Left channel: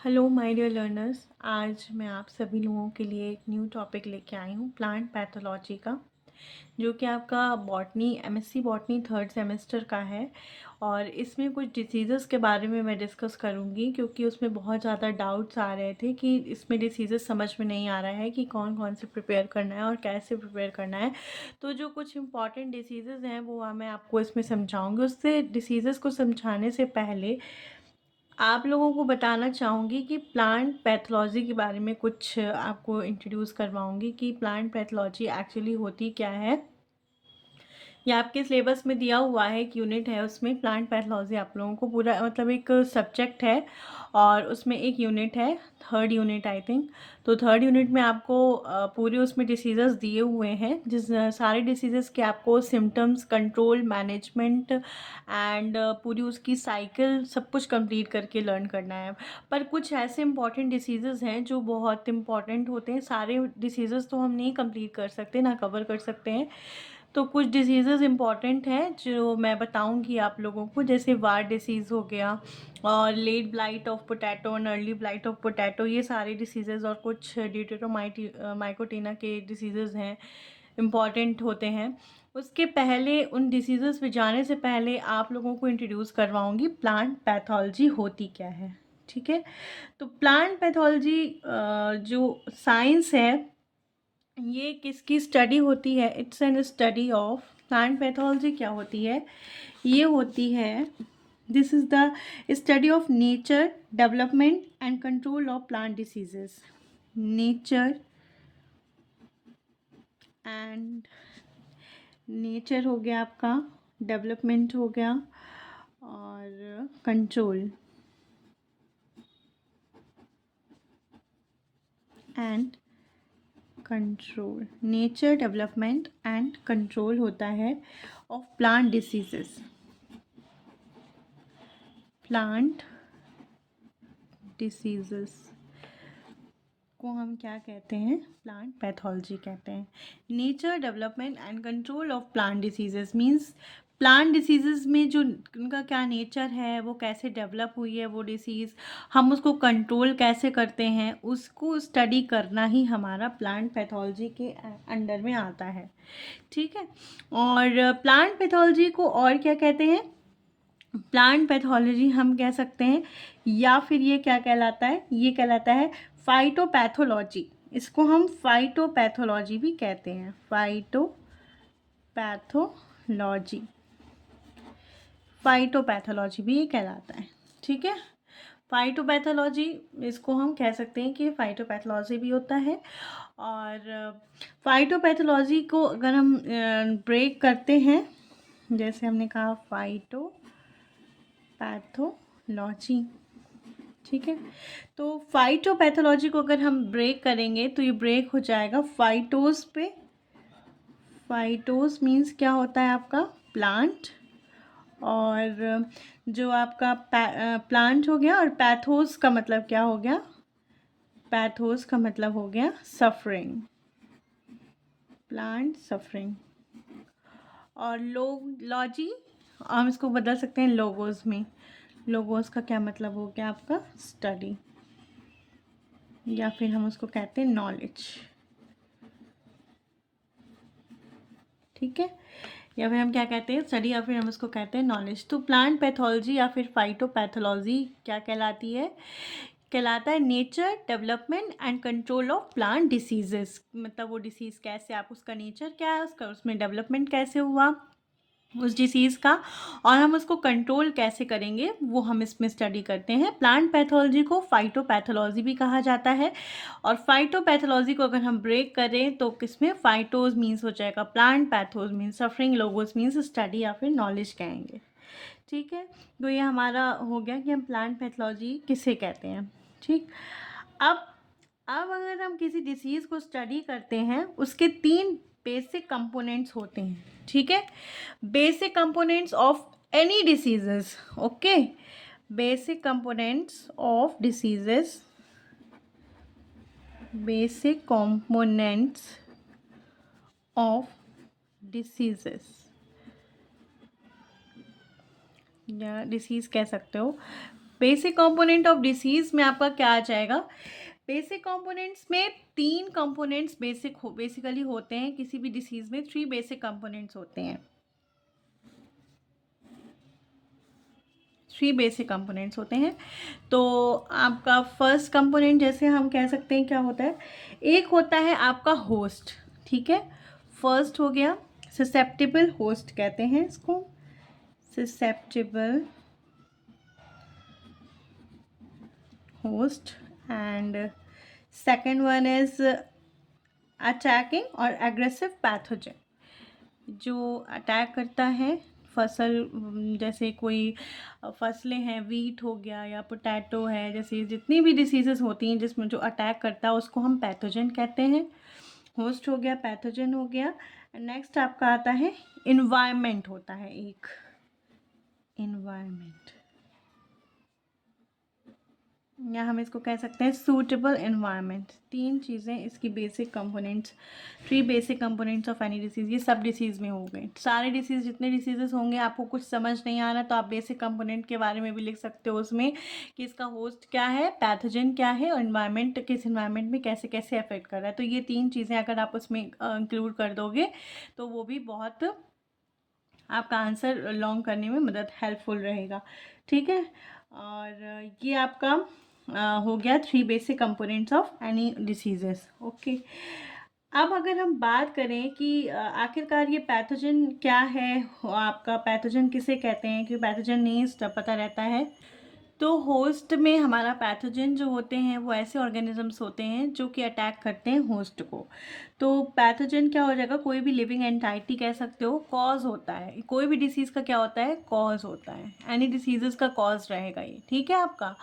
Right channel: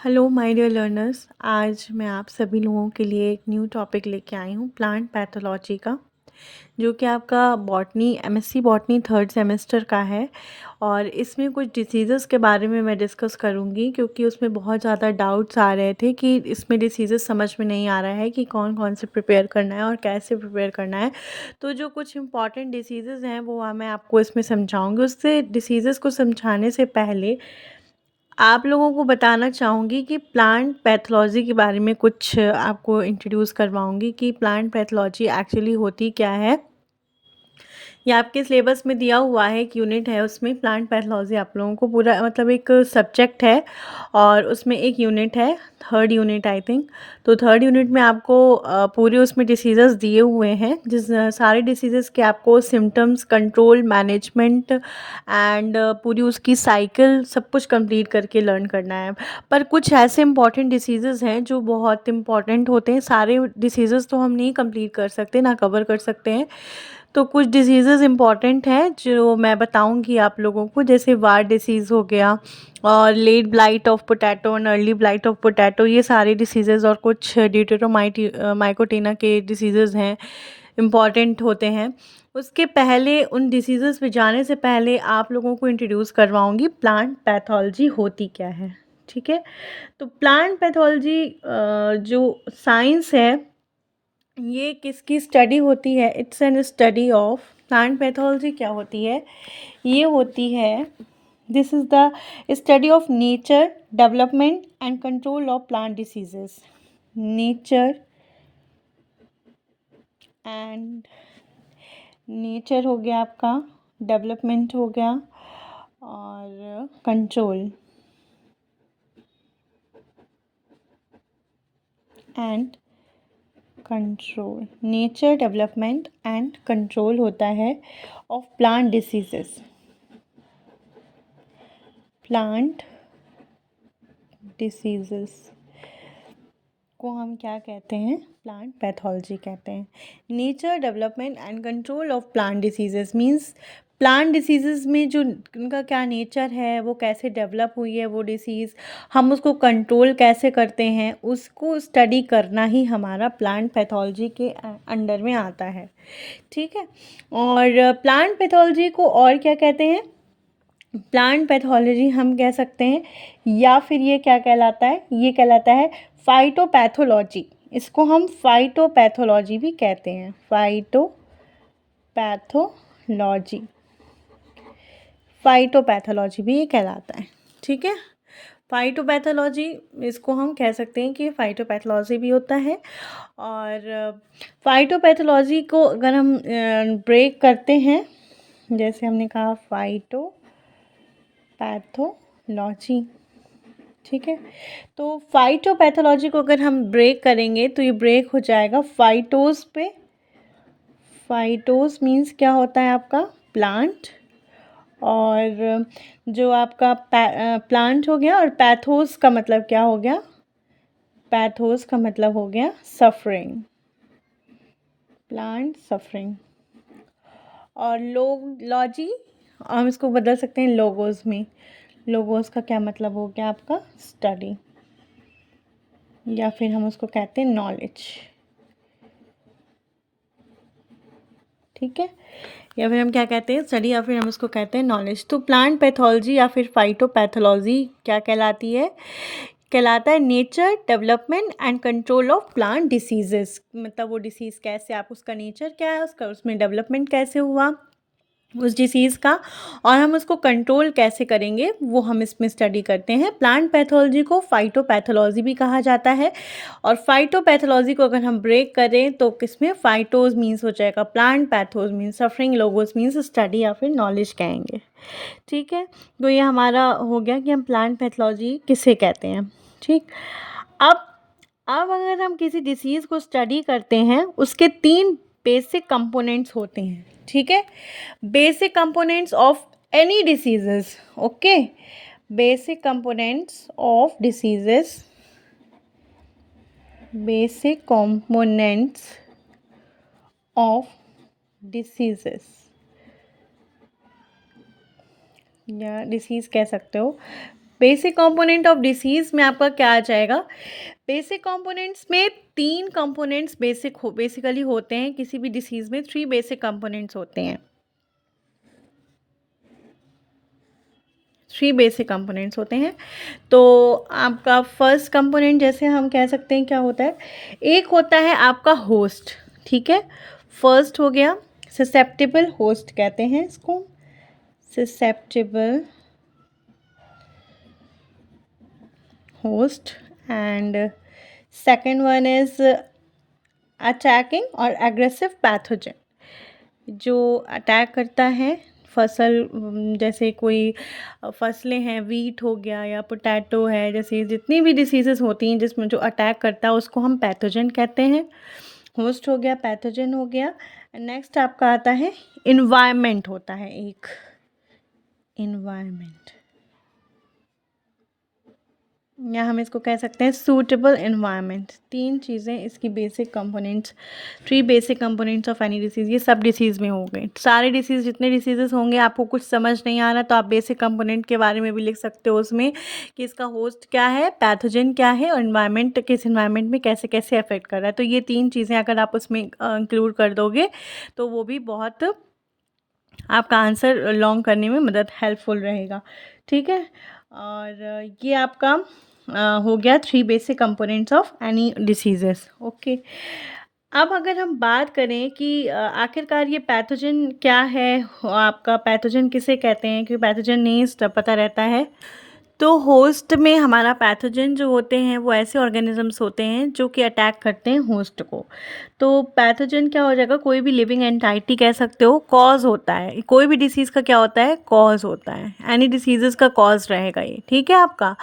Hello my dear learners. आज मैं आप सभी लोगों के लिए एक न्यू टॉपिक लेके आई हूँ प्लांट पैथोलॉजी का, जो कि आपका botany MSc botany third semester का है। और इसमें कुछ डिसीज़ेस के बारे में मैं डिस्कस करूँगी, क्योंकि उसमें बहुत ज़्यादा डाउट्स आ रहे थे कि इसमें डिसीज़ेस समझ में नहीं आ रहा है कि कौन कौन से प्रिपेयर करना है और कैसे प्रिपेयर करना है। तो जो कुछ इंपॉर्टेंट डिसीज़ेस हैं वो मैं आपको इसमें समझाऊँगी। उससे डिसीज़ेस को समझाने से पहले आप लोगों को बताना चाहूँगी कि प्लांट पैथोलॉजी के बारे में कुछ आपको इंट्रोड्यूस करवाऊँगी कि प्लांट पैथोलॉजी एक्चुअली होती क्या है। ये आपके सिलेबस में दिया हुआ है, एक यूनिट है उसमें प्लांट पैथोलॉजी आप लोगों को पूरा मतलब एक सब्जेक्ट है और उसमें एक यूनिट है, थर्ड यूनिट आई थिंक। तो थर्ड यूनिट में आपको पूरे उसमें डिसीज़ेस दिए हुए हैं, जिस सारे डिसीज़ेस के आपको सिम्टम्स, कंट्रोल, मैनेजमेंट एंड पूरी उसकी साइकिल सब कुछ कंप्लीट करके लर्न करना है। पर कुछ ऐसे इंपॉर्टेंट डिसीज़ेस हैं जो बहुत इंपॉर्टेंट होते हैं। सारे डिसीज़ेस तो हम नहीं कंप्लीट कर सकते, ना कवर कर सकते हैं। तो कुछ डिसीज़ेज़ इम्पॉर्टेंट हैं जो मैं बताऊंगी आप लोगों को, जैसे वार डिसीज़ हो गया और लेट ब्लाइट ऑफ पोटैटो और अर्ली ब्लाइट ऑफ पोटैटो। ये सारे डिसीज़ेज़ और कुछ माइकोटीना के डिसीज़ेज़ हैं, इम्पॉर्टेंट होते हैं। उसके पहले उन डिसीज़ेज़ पे जाने से पहले आप लोगों को इंट्रोड्यूस करवाऊंगी प्लांट पैथोलॉजी होती क्या है। ठीक है, तो प्लांट पैथोलॉजी जो साइंस है, ये किसकी स्टडी होती है? It's an study of plant pathology. क्या होती है? ये होती है, this is the study of nature, development and control of plant diseases. Nature and nature हो गया आपका, डेवलपमेंट हो गया और control and control. Nature, development and control होता है of plant diseases. Plant diseases को हम क्या कहते हैं? प्लांट पैथोलॉजी कहते हैं। Nature, development and control of plant diseases means plant diseases में जो उनका क्या नेचर है, वो कैसे डेवलप हुई है वो डिसीज़, हम उसको कंट्रोल कैसे करते हैं, उसको स्टडी करना ही हमारा प्लांट पैथोलॉजी के अंडर में आता है। ठीक है, और प्लांट पैथोलॉजी को और क्या कहते हैं? प्लांट पैथोलॉजी हम कह सकते हैं, या फिर ये क्या कहलाता है? ये कहलाता है फाइटोपैथोलॉजी। इसको हम फाइटोपैथोलॉजी भी कहते हैं। फाइटोपैथोलॉजी, फाइटोपैथोलॉजी भी ये कहलाता है। ठीक है, फाइटोपैथोलॉजी इसको हम कह सकते हैं कि फाइटोपैथोलॉजी भी होता है। और फाइटोपैथोलॉजी को अगर हम ब्रेक करते हैं, जैसे हमने कहा फाइटोपैथोलॉजी, ठीक है, तो फाइटोपैथोलॉजी को अगर हम ब्रेक करेंगे तो ये ब्रेक हो जाएगा फाइटोस पे। फाइटोस मीन्स क्या होता है आपका? प्लांट। और जो आपका प्लांट हो गया, और पैथोस का मतलब क्या हो गया? पैथोस का मतलब हो गया सफरिंग, प्लांट सफरिंग। और लॉजी हम इसको बदल सकते हैं लोगोस में। लोगोस का क्या मतलब हो गया आपका? स्टडी, या फिर हम उसको कहते हैं नॉलेज। ठीक है, या फिर हम क्या कहते हैं? स्टडी, या फिर हम उसको कहते हैं नॉलेज। तो प्लांट पैथोलॉजी या फिर फाइटोपैथोलॉजी क्या कहलाती है? कहलाता है nature, development and control of plant diseases. मतलब वो डिसीज़ कैसे, आप उसका नेचर क्या है, उसका उसमें डेवलपमेंट कैसे हुआ उस डिसीज़ का, और हम उसको कंट्रोल कैसे करेंगे, वो हम इसमें स्टडी करते हैं। प्लांट पैथोलॉजी को फाइटोपैथोलॉजी भी कहा जाता है। और फाइटोपैथोलॉजी को अगर हम ब्रेक करें तो किसमें? फाइटोज मीन्स हो जाएगा plant, pathos means suffering, logos means study या फिर नॉलेज कहेंगे। ठीक है, तो ये हमारा हो गया कि हम प्लांट पैथोलॉजी किसे कहते हैं। ठीक, अब अब अगर हम किसी डिसीज़ को स्टडी करते हैं, उसके 3 बेसिक कंपोनेंट्स होते हैं। ठीक है, basic components of any diseases. Okay, basic components of diseases, basic components of diseases या डिसीज़ कह सकते हो। बेसिक कंपोनेंट ऑफ डिसीज़ में आपका क्या आ जाएगा? बेसिक कंपोनेंट्स में 3 कंपोनेंट्स बेसिकली होते हैं। किसी भी डिसीज़ में 3 बेसिक कंपोनेंट्स होते हैं। 3 बेसिक कंपोनेंट्स होते हैं। तो आपका फर्स्ट कंपोनेंट जैसे हम कह सकते हैं क्या होता है? एक होता है आपका होस्ट, ठीक है? फर्स्ट हो गया ससेप्टेबल होस्ट कहते हैं इसको, susceptible host, and second one is attacking और aggressive pathogen जो अटैक करता है फसल, जैसे कोई फसलें हैं, वीट हो गया या पोटैटो है, जैसे जितनी भी डिसीजेस होती हैं जिसमें जो अटैक करता है उसको हम पैथोजन कहते हैं। होस्ट हो गया, पैथोजन हो गया। नेक्स्ट आपका आता है इन्वायरमेंट, होता है एक इन्वायरमेंट, या हम इसको कह सकते हैं सूटेबल इन्वायरमेंट। 3 चीज़ें इसकी basic components, 3 basic components of any disease. ये सब डिसीज़ में हो गए, सारे डिसीज़, जितने डिसीजेस होंगे। आपको कुछ समझ नहीं आ रहा तो आप बेसिक कंपोनेंट के बारे में भी लिख सकते हो उसमें, कि इसका होस्ट क्या है, पैथोजन क्या है, और इन्वायरमेंट किस इन्वायरमेंट में कैसे कैसे अफेक्ट कर रहा है। तो ये 3 चीज़ें अगर आप उसमें इंक्लूड कर दोगे तो वो भी बहुत आपका आंसर लॉन्ग करने में मदद हेल्पफुल रहेगा, ठीक है। और ये आपका हो गया 3 basic components of any diseases. Okay, अब अगर हम बात करें कि आखिरकार ये पैथोजन क्या है, आपका पैथोजन किसे कहते हैं, कि पैथोजन नहीं पता रहता है। तो होस्ट में हमारा पैथोजन जो होते हैं वो ऐसे ऑर्गेनिजम्स होते हैं जो कि अटैक करते हैं होस्ट को। तो पैथोजन क्या हो जाएगा? कोई भी लिविंग एंटाइटी कह सकते हो, कॉज होता है। कोई भी डिसीज़ का क्या होता है? कॉज होता है। एनी डिसीजेस का कॉज रहेगा ये, ठीक है आपका।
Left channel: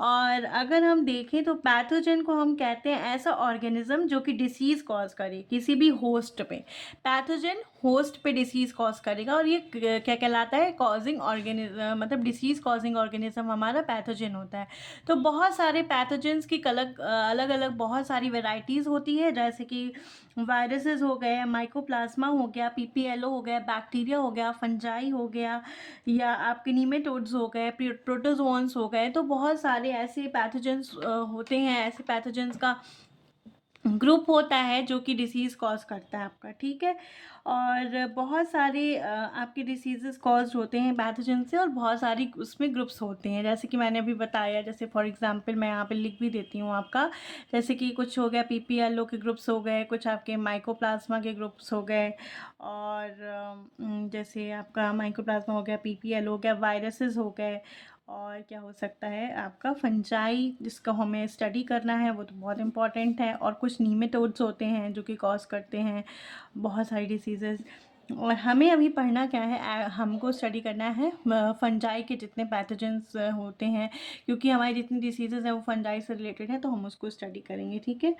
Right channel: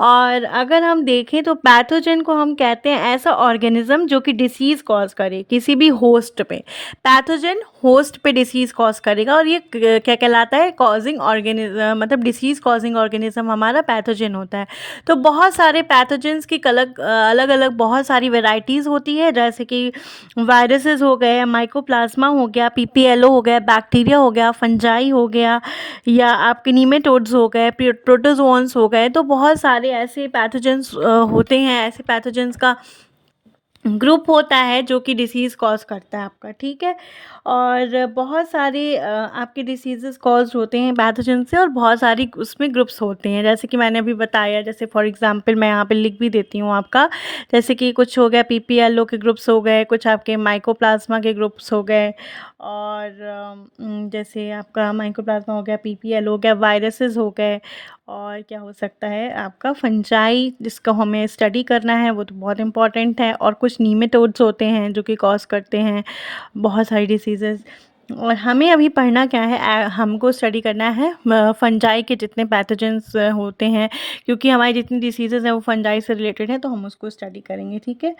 और अगर हम देखें तो पैथोजन को हम कहते हैं ऐसा ऑर्गेनिज्म जो कि डिसीज़ कॉज करे किसी भी होस्ट पे। पैथोजन होस्ट पे डिसीज़ कॉज करेगा, और ये क्या कहलाता है? कॉजिंग ऑर्गेनिज्म, मतलब डिसीज़ कॉजिंग ऑर्गेनिज्म हमारा पैथोजन होता है। तो बहुत सारे पैथोजन्स की अलग अलग बहुत सारी वेराइटीज़ होती है, जैसे कि वायरसेस हो गए, माइकोप्लाज्मा हो गया, पीपीएलओ हो गया, बैक्टीरिया हो गया, फंजाई हो गया, या आपके नीमेटोड्स हो गए, प्रोटोजोन्स हो गए। तो बहुत सारे ऐसे पैथोजन्स होते हैं, ऐसे पैथोजन्स का ग्रुप होता है जो कि डिसीज़ कॉज करता है आपका, ठीक है। और बहुत सारे आपके डिसीज़ेस कॉज होते हैं पैथोजन से, और बहुत सारी उसमें ग्रुप्स होते हैं, जैसे कि मैंने अभी बताया। जैसे फॉर एग्जांपल मैं यहाँ पे लिख भी देती हूँ आपका, जैसे कि कुछ हो गया पीपीएलओ के ग्रुप्स हो गए, कुछ आपके माइकोप्लाज्मा के ग्रुप्स हो गए, और जैसे आपका माइकोप्लाज्मा हो गया, पीपीएल हो गया, वायरसेस हो गए, और क्या हो सकता है आपका फंजाई, जिसको हमें स्टडी करना है, वो तो बहुत इम्पॉर्टेंट है। और कुछ नीमेटोड्स होते हैं जो कि कॉज करते हैं बहुत सारी डिसीजेस। और हमें अभी पढ़ना क्या है? हमको स्टडी करना है फंजाई के जितने पैथोजेंस होते हैं, क्योंकि हमारी जितनी डिसीजेस हैं वो फंजाई से रिलेटेड है, तो हम उसको स्टडी करेंगे, ठीक है।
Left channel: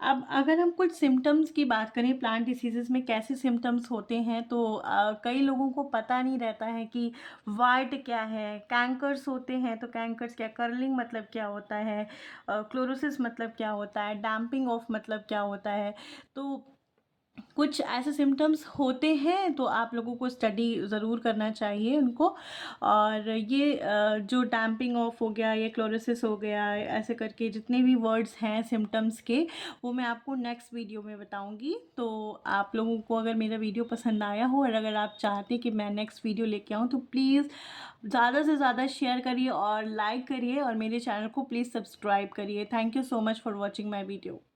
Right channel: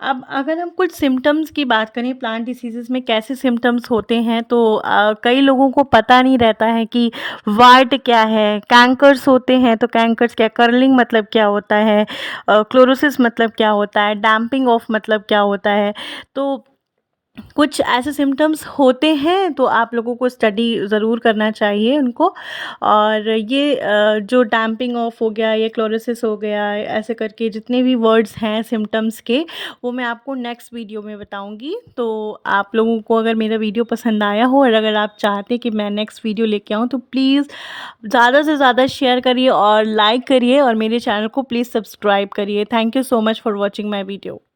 अब अगर हम कुछ सिम्टम्स की बात करें, प्लांट डिसीजेस में कैसे सिम्टम्स होते हैं, तो कई लोगों को पता नहीं रहता है कि वार्ट क्या है, कैंकर्स होते हैं तो कैंकर्स क्या, कर्लिंग मतलब क्या होता है, क्लोरोसिस मतलब क्या होता है, डैम्पिंग ऑफ मतलब क्या होता है। तो कुछ ऐसे सिम्टम्स होते हैं, तो आप लोगों को स्टडी ज़रूर करना चाहिए उनको। और ये जो डैम्पिंग ऑफ हो गया, ये क्लोरोसिस हो गया, ऐसे करके जितने भी वर्ड्स हैं सिम्टम्स के, वो मैं आपको नेक्स्ट वीडियो में बताऊंगी। तो आप लोगों को अगर मेरा वीडियो पसंद आया हो, और अगर आप चाहते कि मैं नेक्स्ट वीडियो लेके आऊँ, तो प्लीज़ ज़्यादा से ज़्यादा शेयर करिए और लाइक करिए, और मेरे चैनल को प्लीज़ सब्सक्राइब करिए। Thank you so much for watching my video.